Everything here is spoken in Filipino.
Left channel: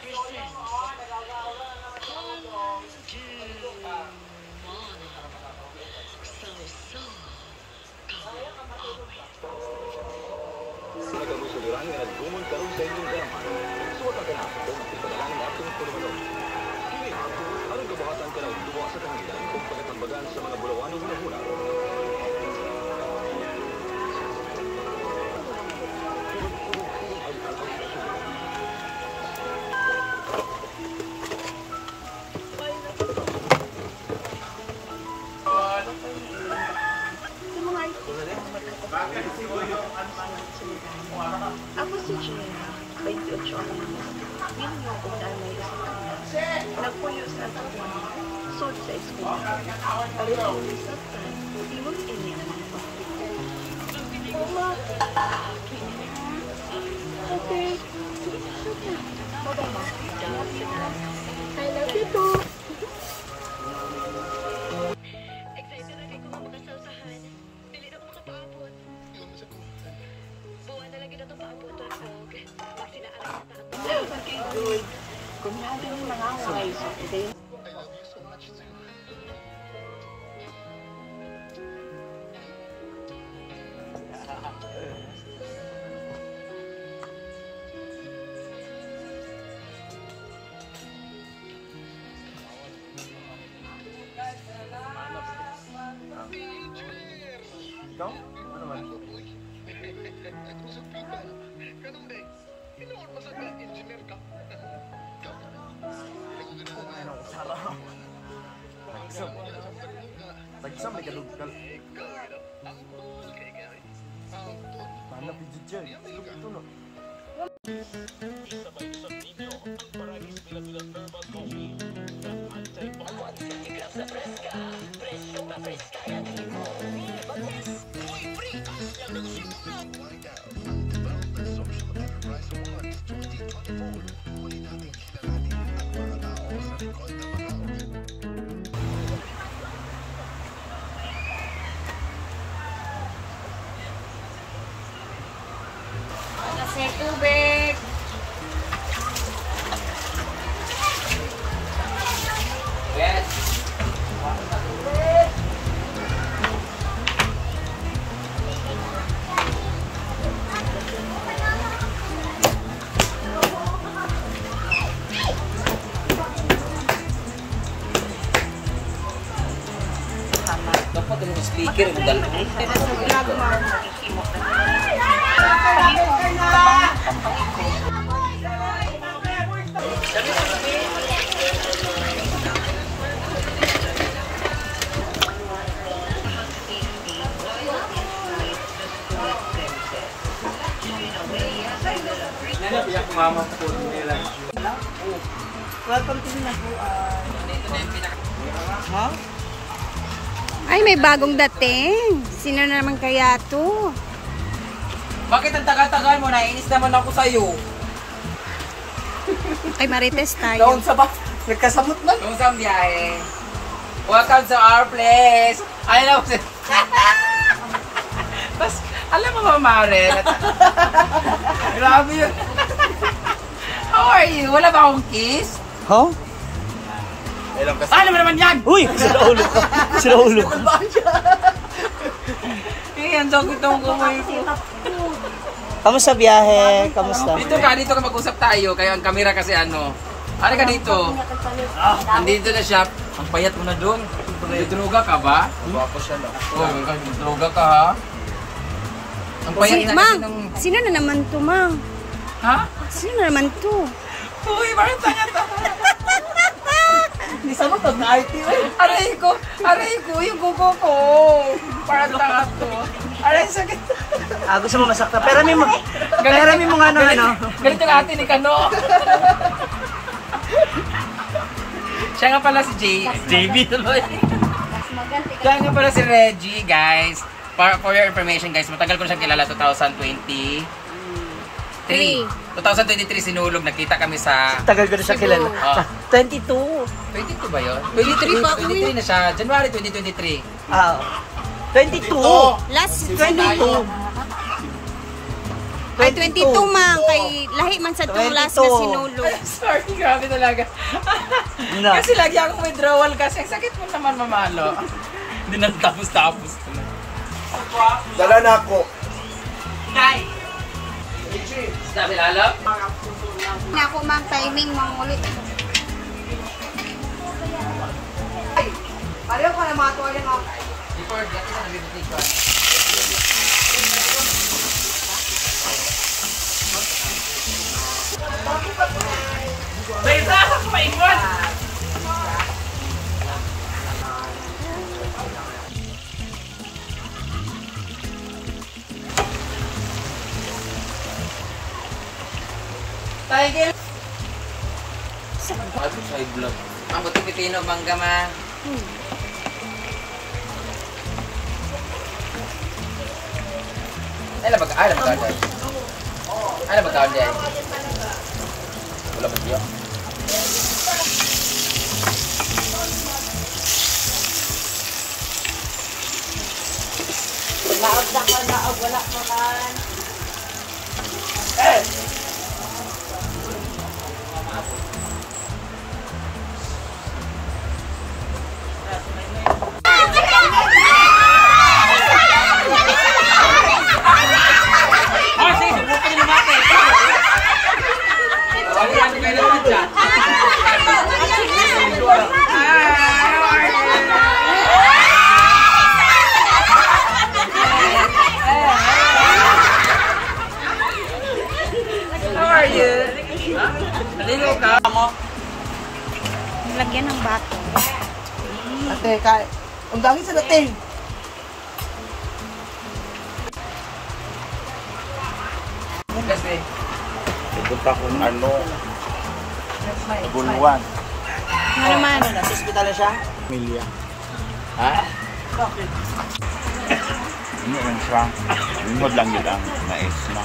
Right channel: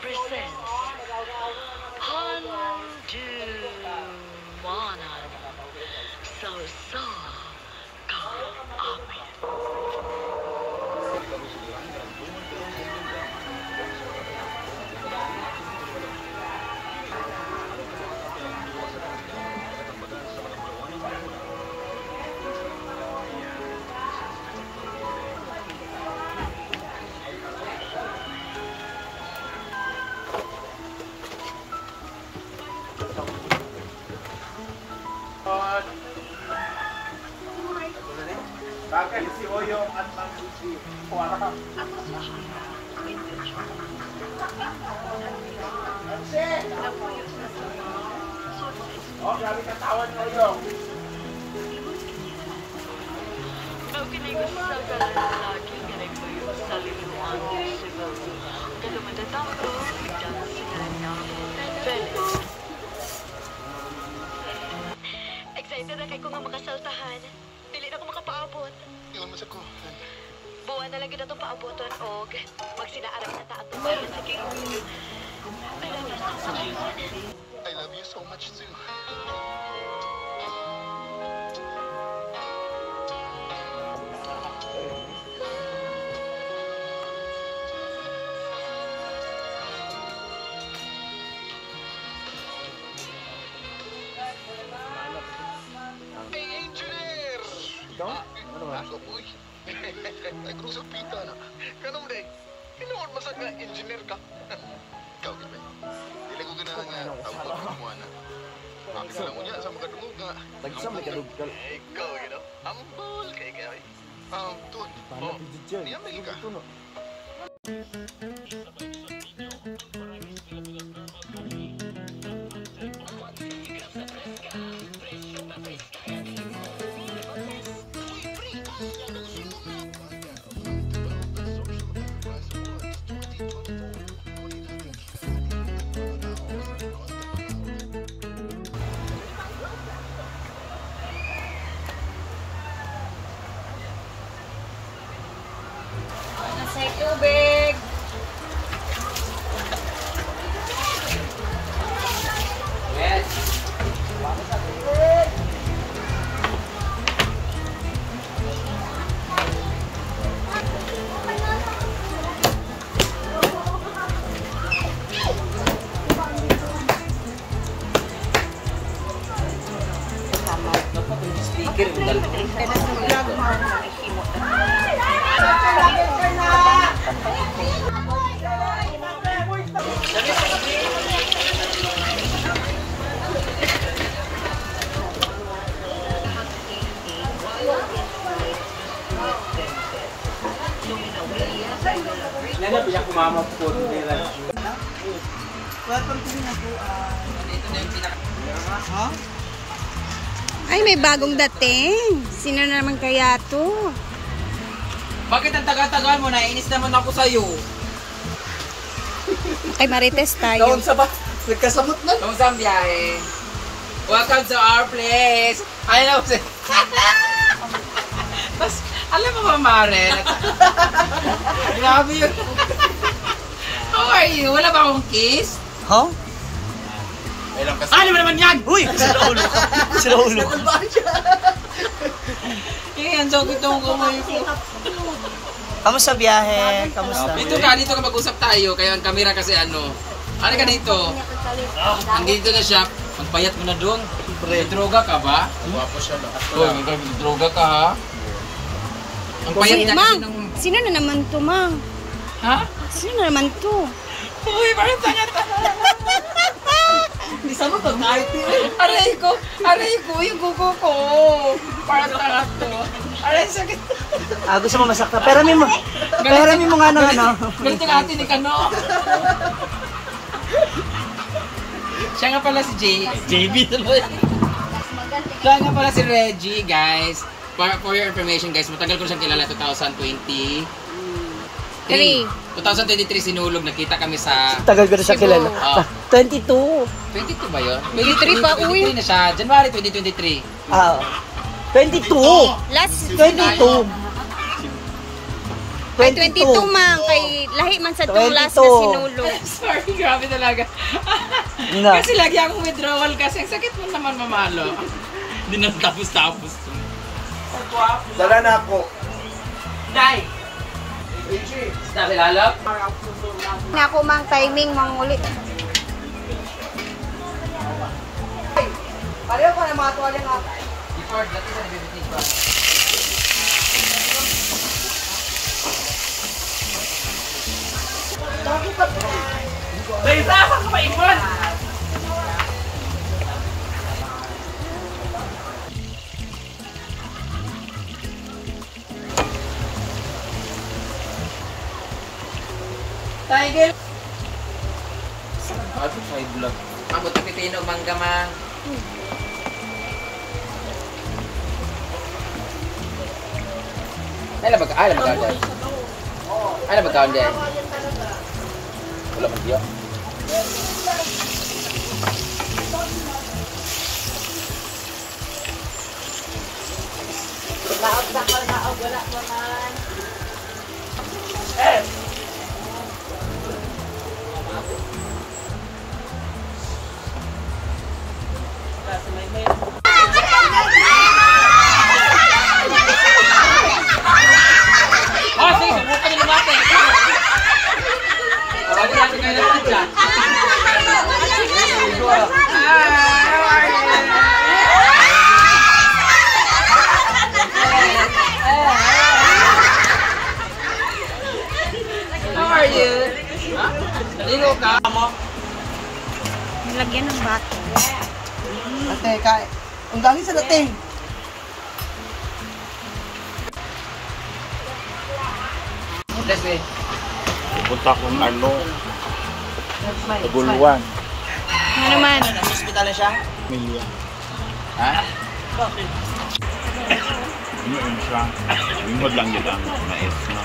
presents Handumanan So Ka-Amin. Sa nagkabusuliran nga nagkumon karon sa inyong drama, nagsuot ang tanan kung ipadaan ang atong turmalon. Kini, aron kabahatan ka ng duwa sa kanila kung panatambagan sa mga bulawanong hinahuna. Bakit si Oyong at si Kuara? Ako si China, 28 ako. Ngayon ako dahil nagpuyo sa suit sa school. O, grabe katawan mo Oyong. Ibon ini. Pagpili ko sa lalaki nga nagtuyo sa obstacle. Pero matatapos dahil sa ganang excited na kay ko nga makasaltahan. Dili na ko makapaabot. Ingon mo sa ko. Buwan na lang gina itong paaboton og magsinaarang na ta ato. Sige, kumihabi na lang ako. I love you so much too. Engineer! Pasok, uy. Ay, krusok pita na. Kanong day, pinuod masag nga engineer ka. Ikaw, Gilbert. Dili ko ganahan nga tawag mo na. Akin na lang mo niya sa mga dungog nga. Ikaw, you know. Ambol kay kayo. Tuwan. Oh, niya may ka. May tubig. Speaker mo dahil Vlog mo nakikimot na. Pahimong tabang tambay ko. Welcome to Hinaguan. Ha? Ay, may bagong dating. Sino na naman kaya to? Bakit ang tagal-tagal mo? Nainis naman ako sa'yo. Kay Marites tayo. Doon sa ba? Nagkasamot na. Doon sa biyahe. Welcome to our place. Ano na po siya? Tapos, alam mo ba, Mare? Grabe yun. How are you? Wala ba akong kiss? Huh? Ano mo naman yan? Uy! Sila ulo. Sila ulo. Yan, so kitong kumay ko. Kamusta biyahe? Kamusta? Dito ka mag-usap tayo. Kaya ang camera kasi ano. Ano ka dito? Andito na siya. Ang payat mo na doon. May droga ka ba? Oh, may droga ka ha? Ang payat na kasi Mang, ng... sino na naman to, Mang? Ha? Sino na naman to? Uy, parang tanga-tanga. Hindi sa mga kahit yun. Aray ko, yung kuko ko. Parang tanga to. Aray, sakit. Gusto mo masakta. Perami mo. Perami mo nga naman, no? Ganito ang ate ni Kano. Siya nga pala si JB tuloy. Siya nga pala si Reggie, guys. For your information, guys, matagal ko na siyang kilala, 2023. 2023 sinulog, nakita kami sa... Tagal ko na siya kilala. 22. 22 ba yun? 23 pa, uy. 23 na siya. January 2023. 22. Last 22. Ay, 22 man. Kay lahi man sa tong last na sinulog. Sorry, grabe talaga. Kasi lagi akong withdrawal kasi ang sakit mo naman mamalo. Hindi na tapos-tapos. Dala na ako. Guy! Sabi lalo? Na ako mang timing, mang ulit. Pareho ko na mga tuwalin mga. Dahil ako sa paimon! Tiger. Ano side vlog? Ang buti pipino mangga man. Ay na magkaan. Ay na magkaan din. Wala pa diyan. Wala naman. Oh, sige, subukan nyo natin. Wala natin kayo naman dyan. Hi, how are you? How are you? Naligo ka mo? Lagyan ng butter. Ate, kaya. Ang dami sa dating. Let's see. Pupunta kong Nabuluan. Nga naman. Hospital na siya? Emilia. Ha? Ano yun siya? Lingod lang yun ang nais na.